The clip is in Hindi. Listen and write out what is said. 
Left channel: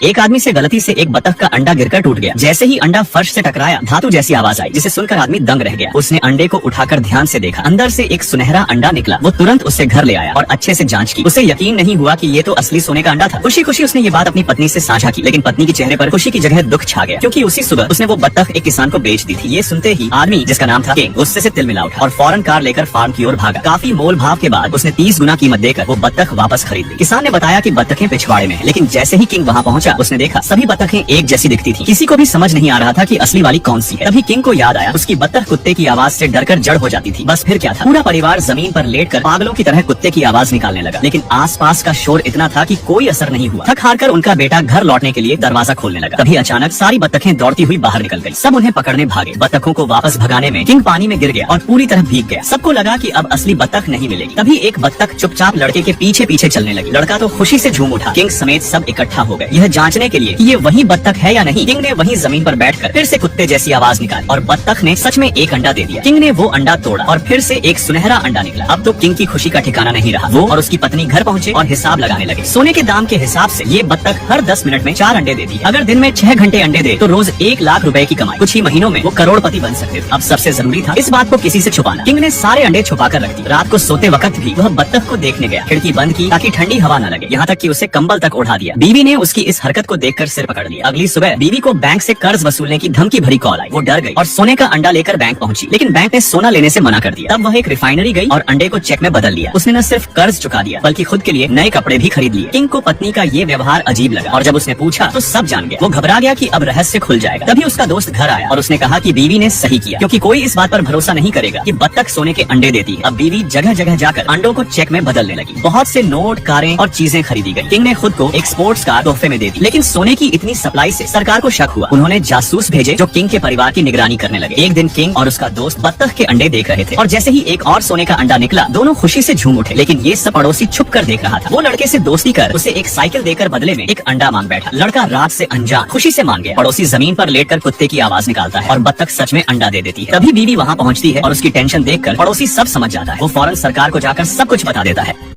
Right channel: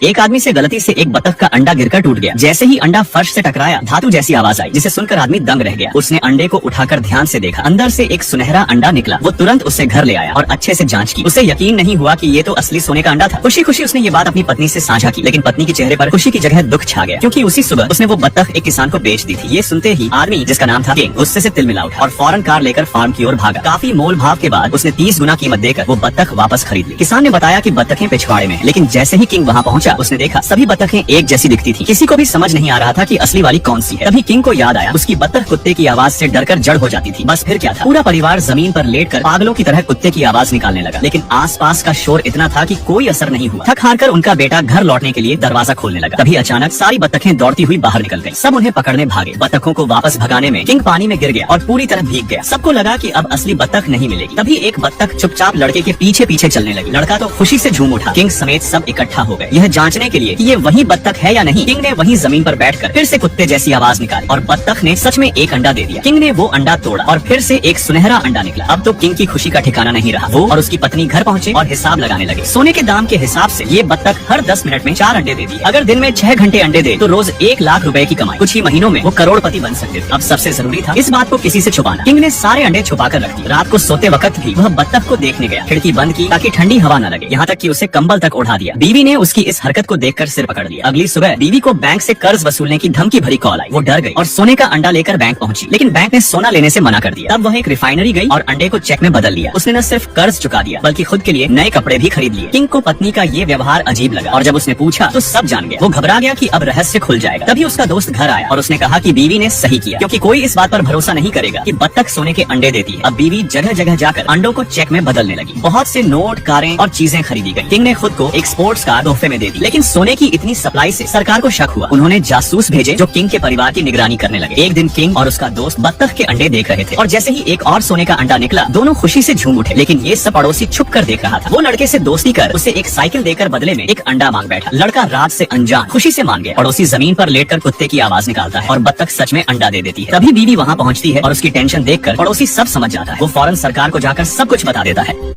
एक आदमी से गलती से एक बतख का अंडा गिरकर टूट गया। जैसे ही अंडा फर्श से टकराया, धातु जैसी आवाज आई, जिसे सुनकर आदमी दंग रह गया। उसने अंडे को उठाकर ध्यान से देखा, अंदर से एक सुनहरा अंडा निकला। वो तुरंत उसे घर ले आया और अच्छे से जांच की। उसे यकीन नहीं हुआ कि ये तो असली सोने का अंडा था। खुशी खुशी उसने ये बात अपनी पत्नी से साझा की, लेकिन पत्नी के चेहरे पर खुशी की जगह दुख छा गया, क्योंकि उसी सुबह उसने वो बतख एक किसान को बेच दी थी। ये सुनते ही आदमी, जिसका नाम था किंग, उससे से तिल मिला उठा और फौरन कार लेकर फार्म की ओर भागा। काफी मोल भाव के बाद उसने 30 गुना कीमत देकर वो बतख वापस खरीद ली। किसान ने बताया कि बतखें पिछवाड़े में, लेकिन जैसे ही किंग वहाँ पहुंचा, उसने देखा सभी बतखें एक जैसी दिखती थी। किसी को भी समझ नहीं आ रहा था कि असली वाली कौन सी है। तभी किंग को याद आया, उसकी बतख कुत्ते की आवाज से डरकर जड़ हो जाती थी। बस फिर क्या था, पूरा परिवार जमीन पर लेटकर पागलों की तरह कुत्ते की आवाज निकालने लगा। लेकिन आसपास का शोर इतना था कि कोई असर नहीं हुआ। थक हार कर उनका बेटा घर लौटने के लिए दरवाजा खोलने लगा। तभी अचानक सारी बतखें दौड़ती हुई बाहर निकल गई। सब उन्हें पकड़ने भागे। बतखों को वापस भगाने में किंग पानी में गिर गया और पूरी तरह भीग गया। सबको लगा कि अब असली बतख नहीं मिलेगी। तभी एक बतख चुपचाप लड़के के पीछे पीछे चलने लगी। लड़का तो खुशी से झूम उठा। किंग समेत सब इकट्ठा हो गए, यह जांचने के लिए कि ये वही बतख है या नहीं। किंग ने वहीं जमीन पर बैठकर फिर से कुत्ते जैसी आवाज निकाली और बतख ने सच में एक अंडा दे दिया। किंग ने वो अंडा तोड़ा और फिर से एक सुनहरा अंडा निकला। अब तो किंग की खुशी का ठिकाना नहीं रहा। वो और उसकी पत्नी घर पहुंचे और हिसाब लगाने लगे। सोने के दाम के हिसाब से ये बतख हर 10 मिनट में 4 अंडे देती है। अगर दिन में 6 घंटे अंडे दे तो रोज 1 लाख रुपए की कमाई। कुछ ही महीनों में वो करोड़पति बन सकते थे। अब सबसे जरूरी था इस बात को किसी से छुपाना। किंग ने सारे अंडे छुपा कर रख दिए। रात को सोते वक्त भी वह बतख को देखने गया। खिड़की बंद की ताकि ठंडी हवा न लगे, यहाँ तक कि उसे कंबल तक उड़ा दिया। बीवी ने उसकी इस हरकत को देखकर सिर पकड़ लिया। अगली सुबह बीवी को बैंक से कर्ज वसूलने की धमकी भरी कॉल आई। वो डर गई और सोने का अंडा लेकर बैंक पहुंची, लेकिन बैंक ने सोना लेने से मना कर दिया। तब वह एक रिफाइनरी गई और अंडे को चेक में बदल लिया। उसने न सिर्फ कर्ज चुका दिया बल्कि खुद के लिए नए कपड़े भी खरीद लिए। किंग को पत्नी का ये व्यवहार अजीब लगा और जब उसने पूछा तो सब जान गया। वो घबरा गया कि अब रहस्य खुल जाएगा। तभी उसका दोस्त घर आया और उसने कहा कि बीवी ने सही किया, क्योंकि कोई इस बात पर भरोसा नहीं करेगा कि बतख सोने के अंडे देती है। अब बीवी जगह जगह जाकर अंडों को चेक में बदलने लगी। बहुत से नोट, कारें और चीजें खरीदी गई। किंग ने खुद को एक स्पोर्ट्स कार तोहफे में दे दी, लेकिन सोने की इतनी सप्लाई से सरकार को शक हुआ। उन्होंने जासूस भेजे जो किंग के परिवार की निगरानी करने लगे। एक दिन किंग और उसका दोस्त बतख के अंडे देख रहे थे और जैसे ही एक और सोने का अंडा निकला, दोनों खुशी से झूम उठे। लेकिन ये सब पड़ोसी छुप कर देख रहा था। वो लड़के से दोस्ती कर उसे एक साइकिल देकर बदले में एक अंडा मांग बैठा। लड़का रात से अनजान खुशी से मान गया। पड़ोसी जमीन पर लेटकर कुत्ते की आवाज निकालता है और बतख सच में अंडा दे देती है। तभी बीवी वहाँ पहुँचती है और उसकी टेंशन देखकर पड़ोसी सब समझ जाता है। वो फौरन सरकार को जाकर सब कुछ बता देता है।